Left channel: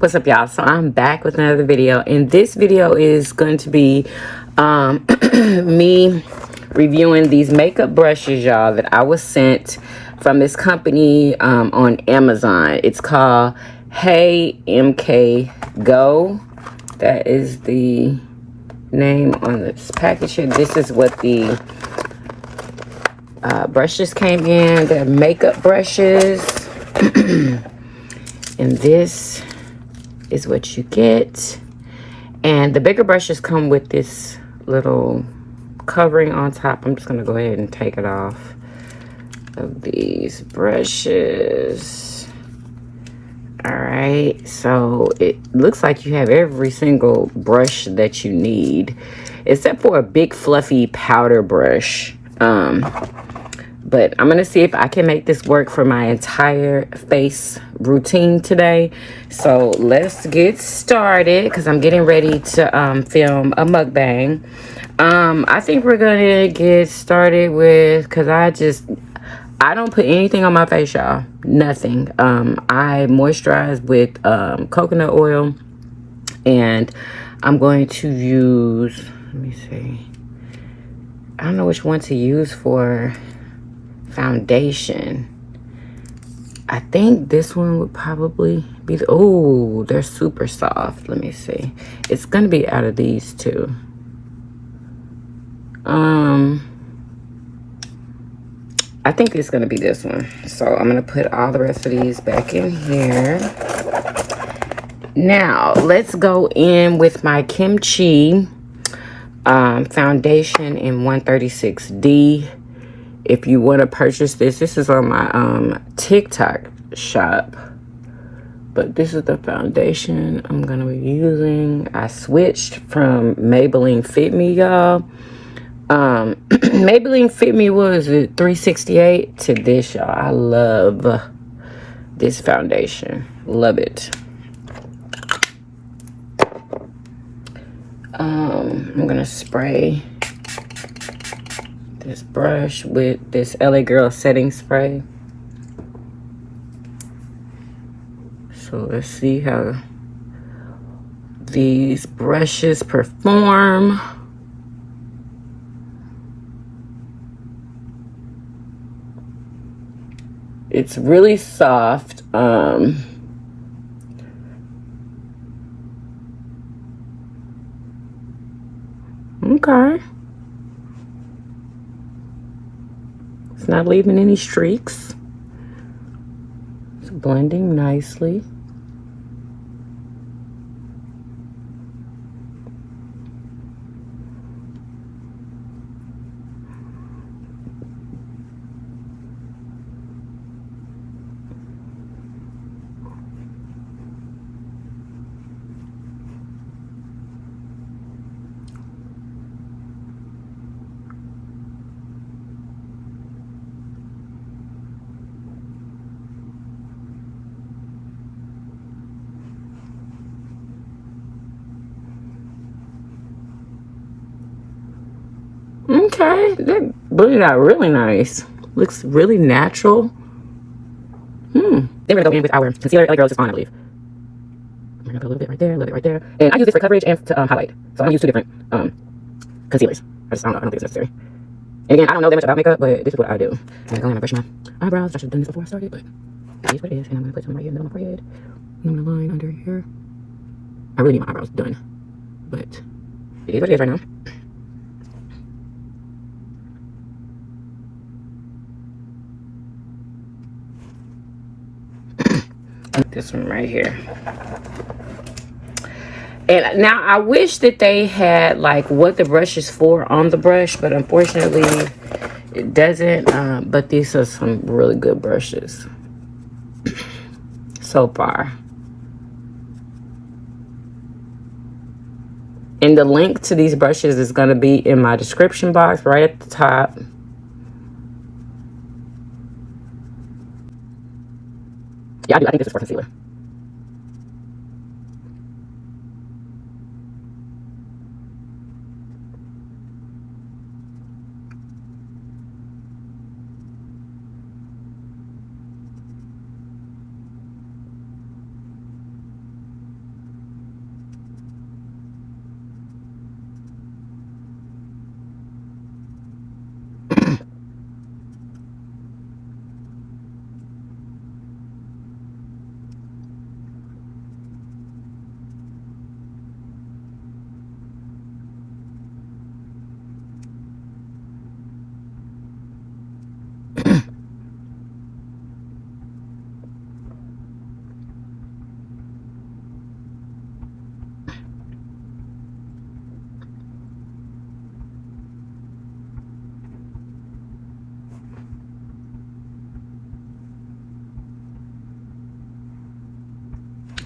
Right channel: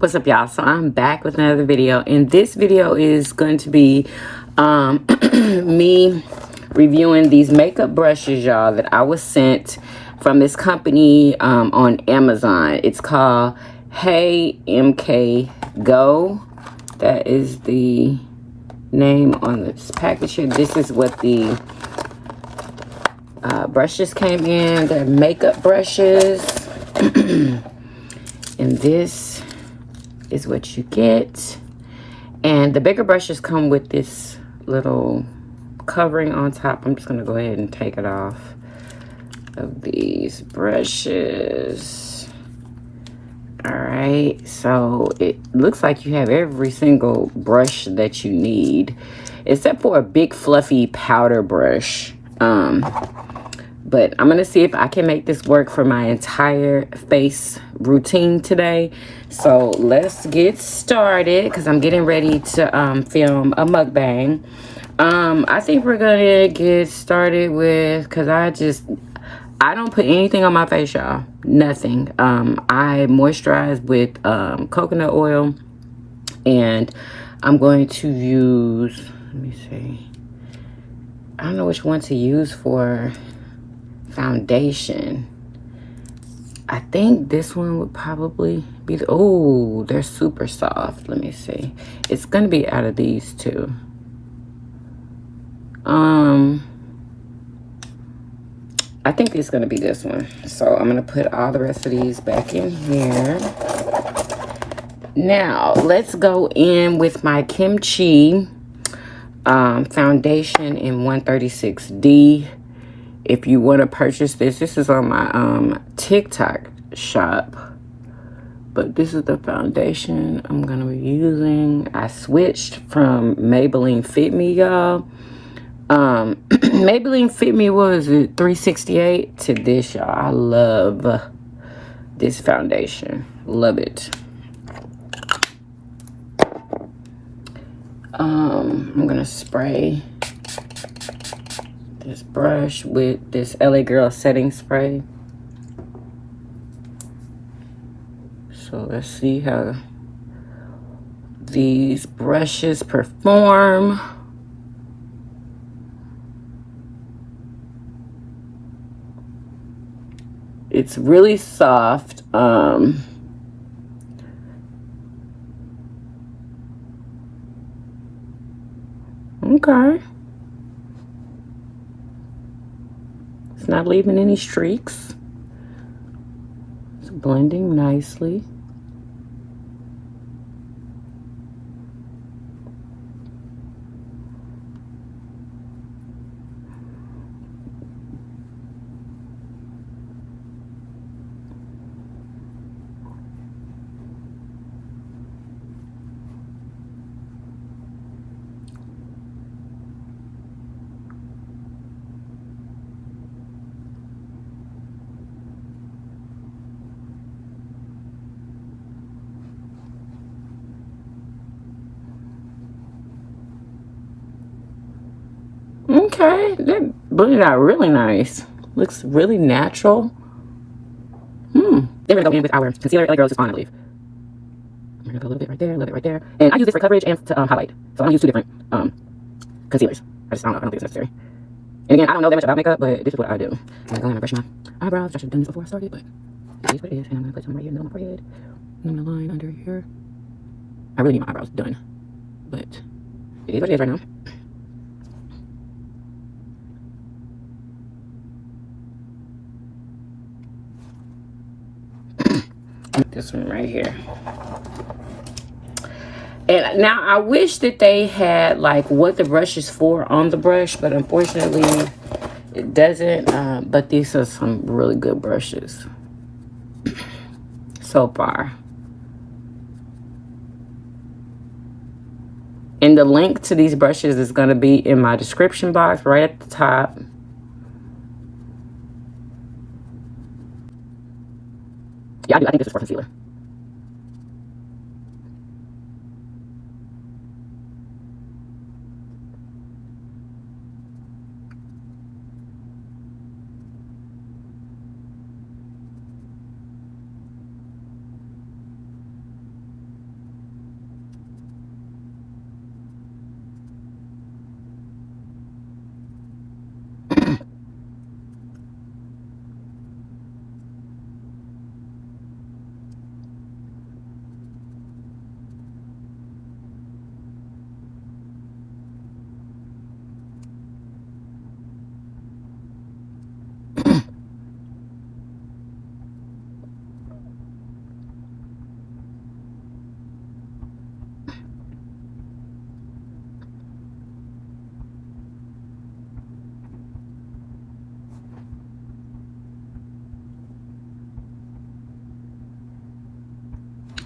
What's up, y'all? So I'm back with another video, and this video is going to be me reviewing these makeup brushes, y'all, that I was sent from this company on Amazon. It's called Heymkgo. That is the name on this package here. This is what the brushes came in. They're makeup brushes. And this is what you get. And the bigger brushes come with this little covering on top. I'm just gonna go ahead and take it off of these brushes. All right, so it looks like you have every single brush that you need, except for a big fluffy powder brush. But I'm gonna see if I can make this work for my entire face routine today. So let's get started, because I'm getting ready to film a mukbang. I think we're gonna get started with, because I don't put anything on my face, y'all. Nothing. I moisturize with coconut oil, and I'm going to use, let me see, I don't know which one to use for foundation. I think this one would probably be the, oh, they're super soft. Let me see. It's gonna be out of these two. I think it's gonna be this one. So I'm gonna put all the rest of these back in here. Now let's go in with my kimchi foundation in 136D. If you want to purchase this is on my TikTok shop. But this is the foundation I'm gonna be using. I switched from Maybelline Fit Me, y'all. Maybelline Fit Me, what was it, 368, to this, y'all. I love this foundation. Love it. I'm gonna spray this brush with this LA Girl setting spray. So let's see how these brushes perform. It's really soft. Okay. It's not leaving any streaks. It's blending nicely. Okay, that blended out really nice. Looks really natural. Then we're gonna go in with our concealer. LA Girl is on, I believe. I'm gonna put a little bit right there, a little bit right there. And I use this for coverage and to highlight. So I'm gonna use two different concealers. I don't know, I don't think it's necessary. And again, I don't know that much about makeup, but this is what I do. I'm gonna go in and brush my eyebrows. I should have done this before I started, but it is what it is. And I'm gonna put some right here in the middle of my forehead. And I'm gonna line under here. I really need my eyebrows done, but it is what it is right now. This one right here. And now I wish that they had like what the brush is for on the brush, but unfortunately it doesn't. But these are some really good brushes so far. And the link to these brushes is going to be in my description box right at the top. Yeah, I think this is for concealer.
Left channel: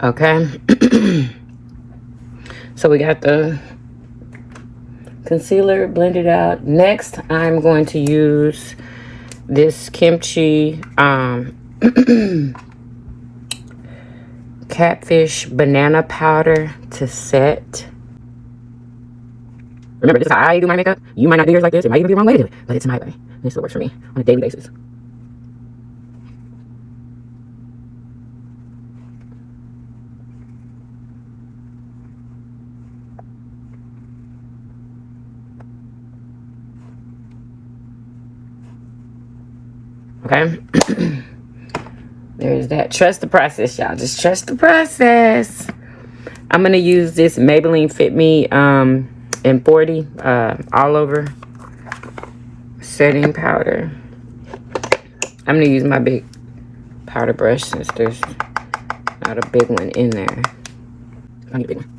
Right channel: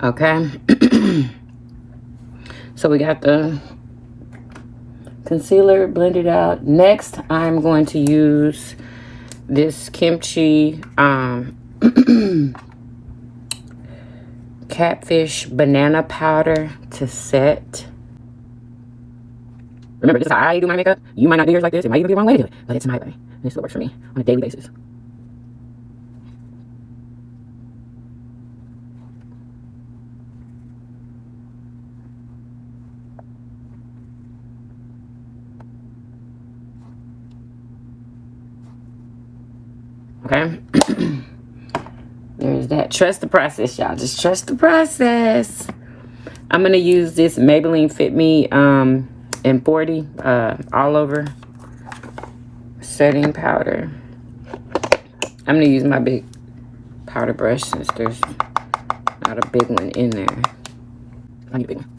Okay. So we got the concealer blended out. Next, I'm going to use this kimchi catfish banana powder to set. Remember, this is how I do my makeup. You might not do yours like this. It might even be the wrong way to do it, but it's my way. This still works for me on a daily basis. Okay. There's that. Trust the process, y'all. Just trust the process. I'm going to use this Maybelline Fit Me in 40 all over setting powder. I'm going to use my big powder brush since there's not a big one in there. I need a big one.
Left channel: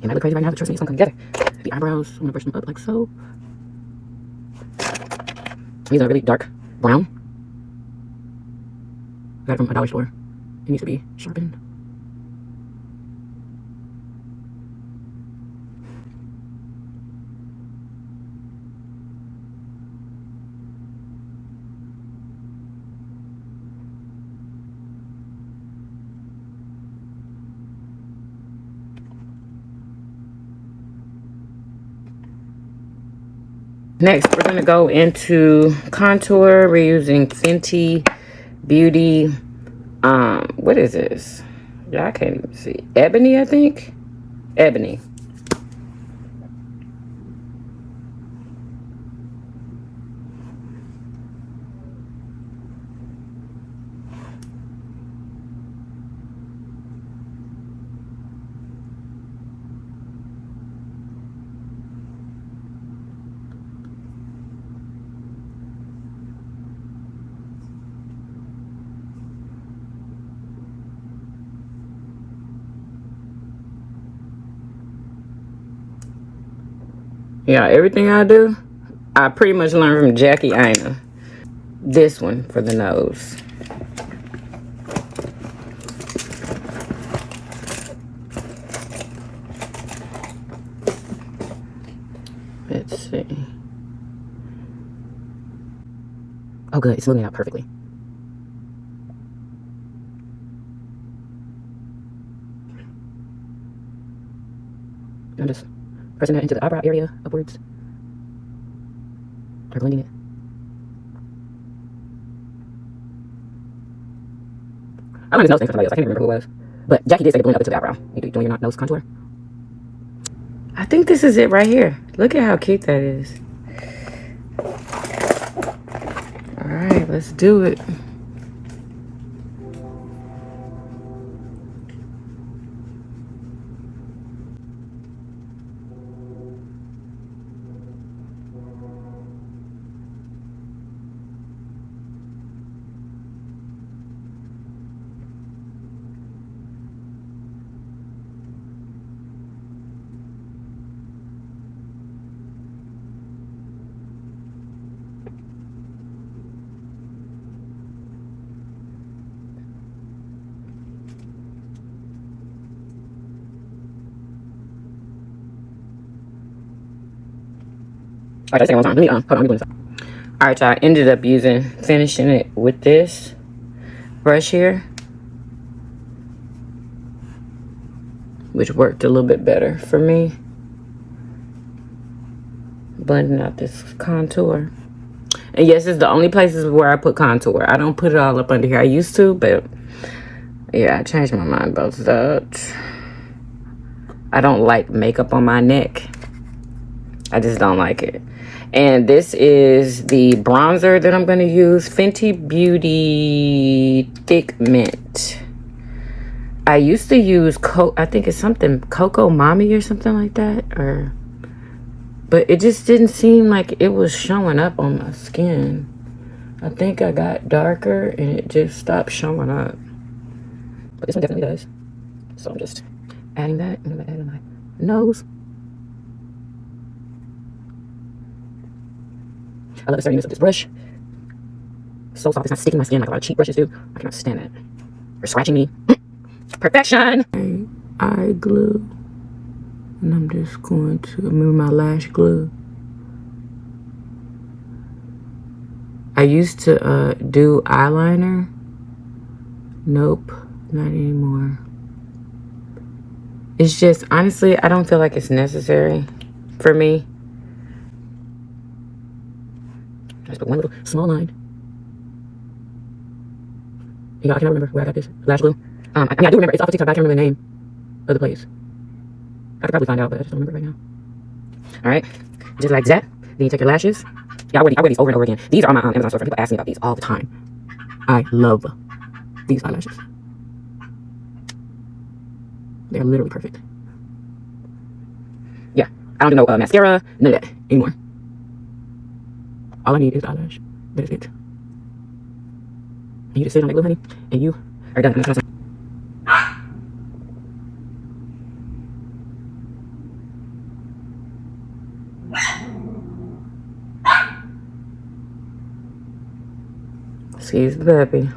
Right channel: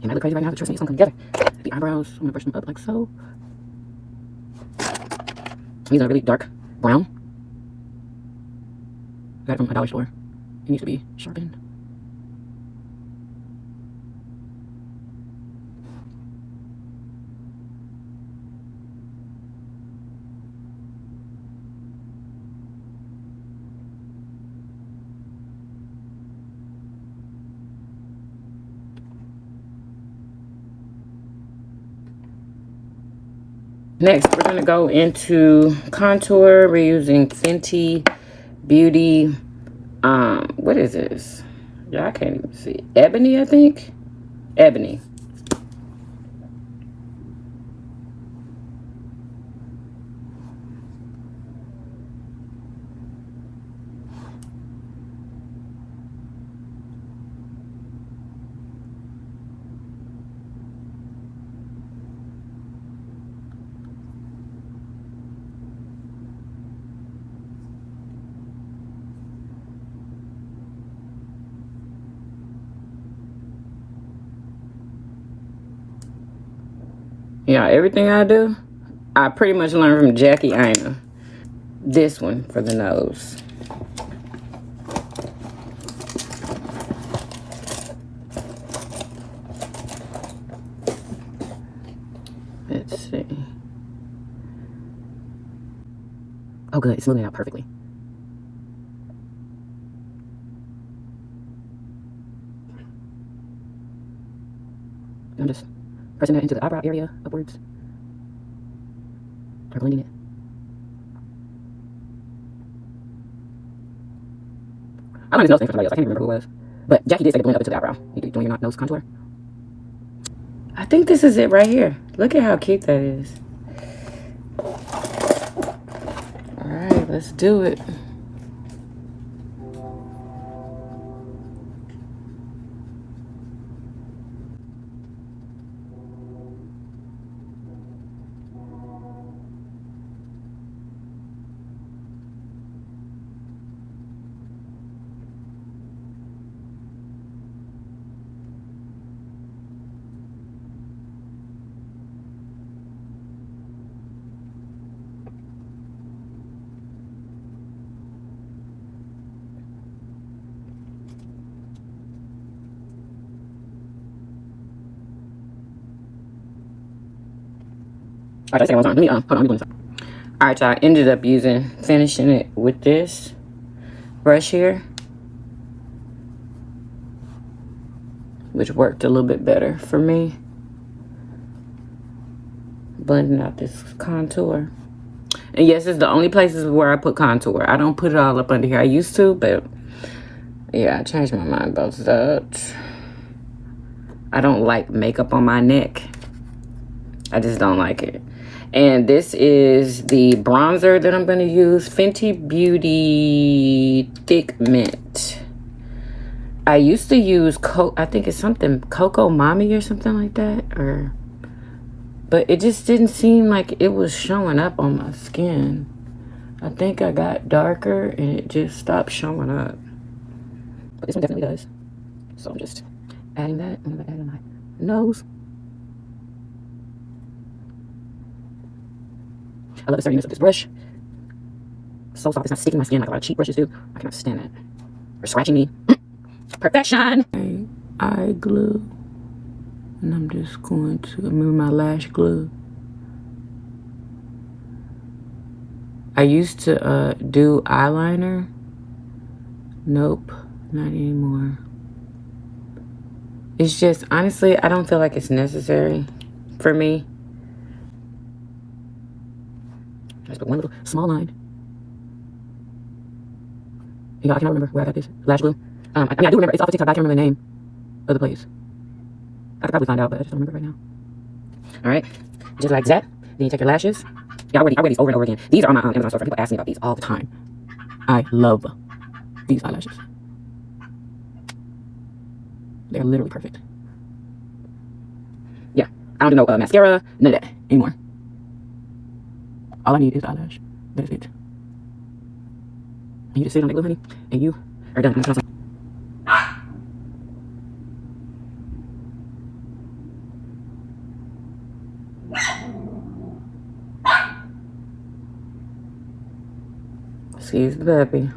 It might look crazy right now, but trust me, it's gonna come together. The eyebrows, I'm gonna brush them up like so. These are really dark brown. Got it from a dollar store. It needs to be sharpened. Next, we're gonna go into contour. We're using Fenty Beauty. What is this? Yeah, I can't even see. Ebony, I think. Ebony. Yeah, everything I do, I pretty much learned from Jackie Aina. This one for the nose. Let's see. Oh, good. It's smoothing out perfectly. I'm just pressing that into the eyebrow area upwards. Or blending it. I don't even know his name for somebody else. I can't even remember who it was. But Jackie did say to blend up into the eyebrow. You doing your nose contour? I think this is it right here. Look at how cute that is. Alright, let's do it. Alright, let's take it one time. Let me, hold on, let me blend this up. Alright, y'all, I ended up finishing it with this brush here, which worked a little bit better for me. Blending out this contour. And yes, it's the only places where I put contour. I don't put it all up under here. I used to, but yeah, I changed my mind about that. I don't like makeup on my neck. I just don't like it. And this is the bronzer that I'm going to use. Fenty Beauty Thick Mint. I used to use, I think it's something, Coco Mommy or something like that. But it just didn't seem like it was showing up on my skin. I think I got darker and it just stopped showing up. But this one definitely does. So I'm just adding that. I'm going to add in my nose. I love the sturdiness of this brush. So soft, it's not sticking my skin like a lot of cheap brushes do. I cannot stand it. You're scratching me. Perfection. Eye glue. And I'm just going to remove my lash glue. I used to do eyeliner. Nope, not anymore. It's just, honestly, I don't feel like it's necessary for me. Just put one little small line. You know, I can't remember where I got this lash glue. I mean, I do remember, it's off of TikTok, but I can't remember the name of the place. I could probably find out, but I just don't remember right now. Alright, just like that. Then you take your lashes. Yeah, I wear these over and over again. These are on my Amazon store. People ask me about these all the time. I love these eyelashes. They're literally perfect. Yeah, I don't do no mascara, none of that anymore. All I need is eyelash. That's it. You just sit on that glue, honey, and you are done. Excuse the puppy.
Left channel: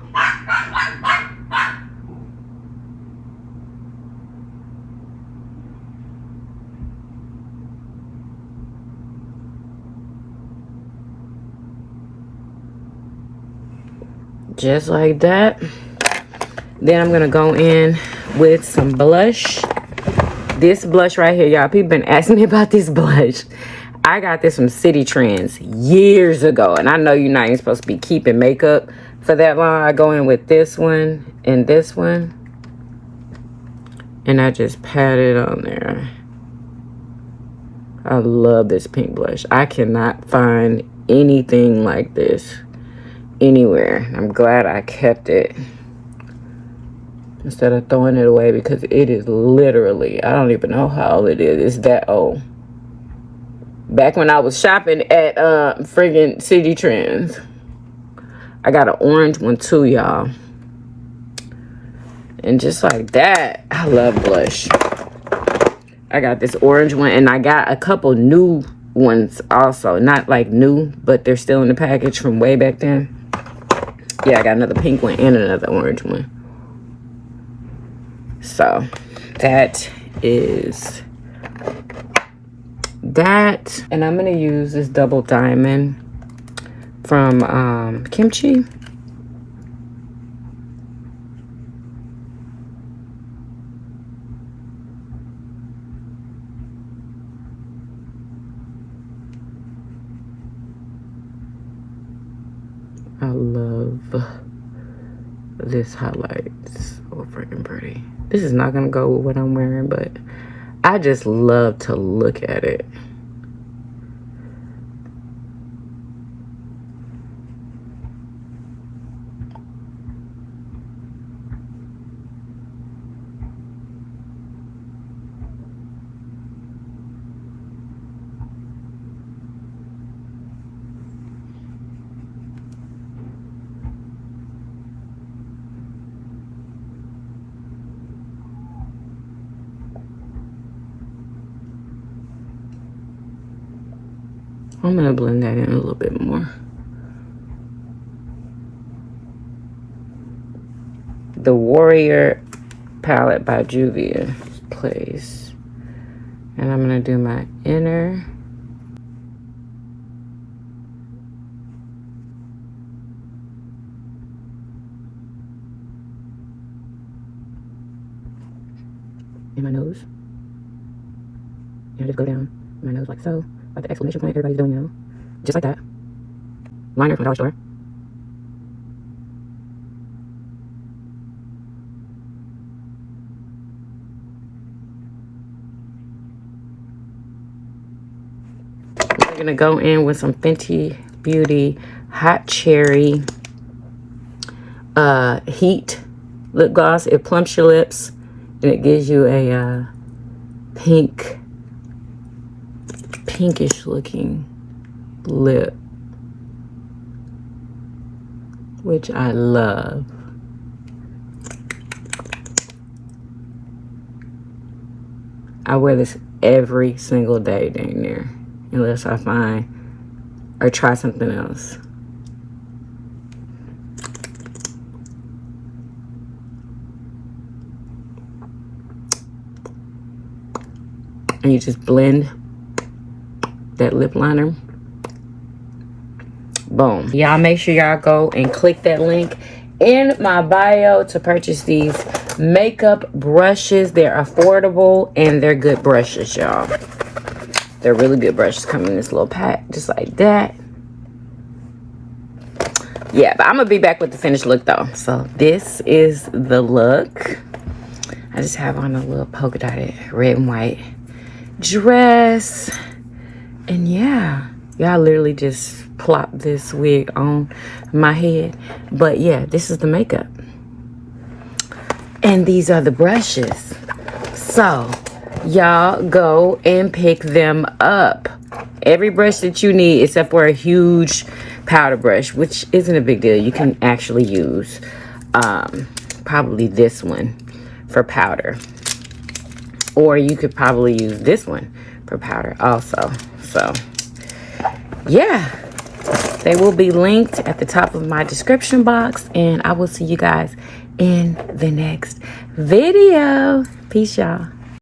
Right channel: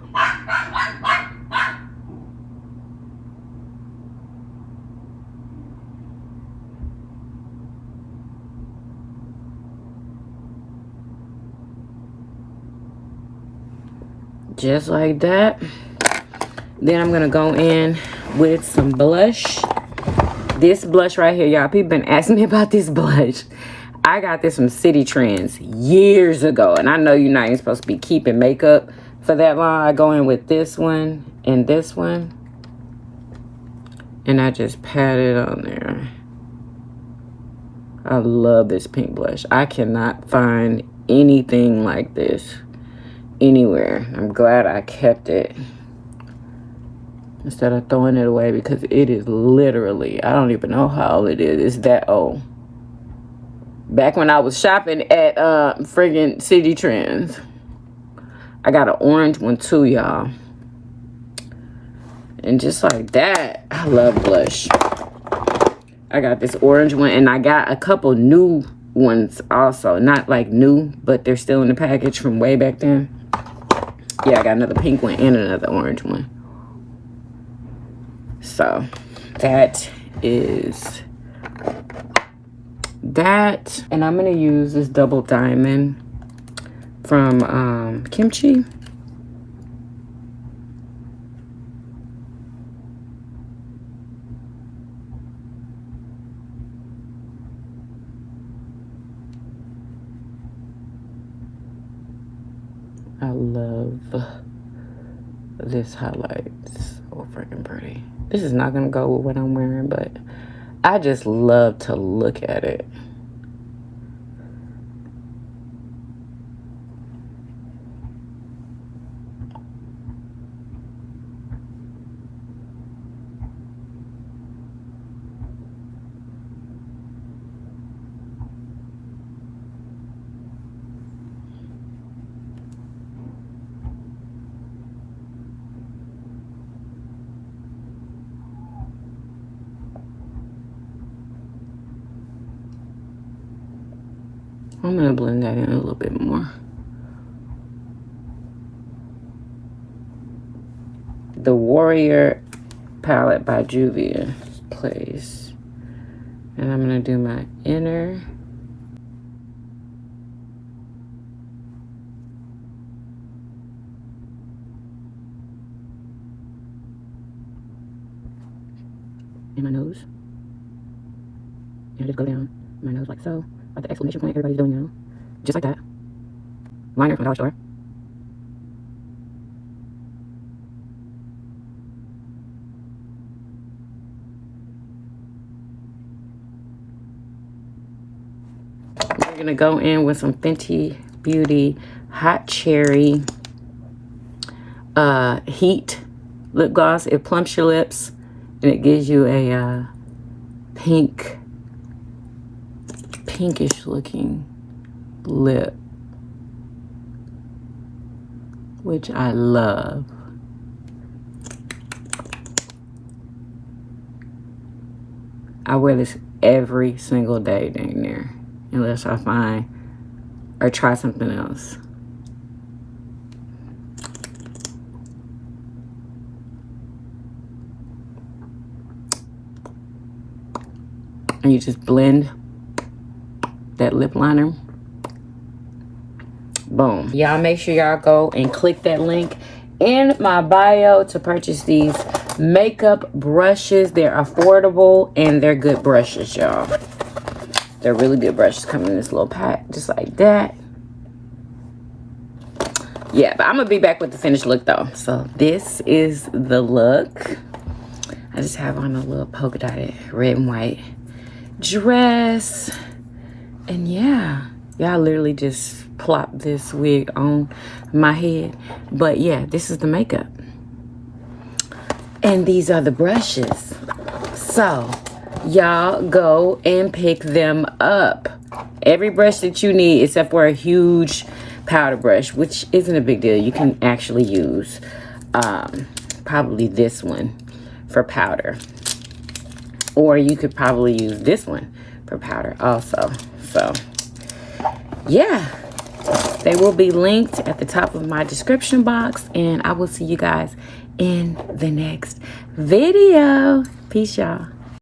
Just like that. Then I'm gonna go in with some blush. This blush right here, y'all. People been asking me about this blush. I got this from City Trends years ago, and I know you're not even supposed to be keeping makeup for that long. I go in with this one and this one, and I just pat it on there. I love this pink blush. I cannot find anything like this anywhere. I'm glad I kept it instead of throwing it away, because it is literally, I don't even know how old it is. It's that old. Back when I was shopping at friggin' City Trends. I got an orange one too, y'all. And just like that, I love blush. I got this orange one, and I got a couple new ones also. Not like new, but they're still in the package from way back then. Yeah, I got another pink one and another orange one. So, that is that. And I'm going to use this double diamond from Kimchi. I love this highlight. It's so freaking pretty. This is not gonna go with what I'm wearing, but I just love to look at it. I'm gonna blend that in a little bit more. The Warrior palette by Juvia's Place. And I'm gonna do my inner. In my nose. And just go down my nose like so. Like the exclamation point everybody's doing now. Just like that. Liner from the dollar store. We're gonna go in with some Fenty Beauty Hot Cherry Heat lip gloss. It plumps your lips and it gives you a pinkish looking lip, which I love. I wear this every single day dang near, unless I find or try something else. And you just blend that lip liner. Boom. Y'all make sure y'all go and click that link in my bio to purchase these makeup brushes. They're affordable and they're good brushes, y'all. They're really good brushes. Come in this little pack just like that. Yeah, but I'm gonna be back with the finished look though. So this is the look. I just have on a little polka dotted red and white dress. And yeah, y'all literally just plop this wig on my head. But yeah, this is the makeup. And these are the brushes. So y'all go and pick them up. Every brush that you need except for a huge powder brush, which isn't a big deal. You can actually use probably this one for powder. Or you could probably use this one for powder also. So yeah, they will be linked at the top of my description box, and I will see you guys in the next video. Peace, y'all.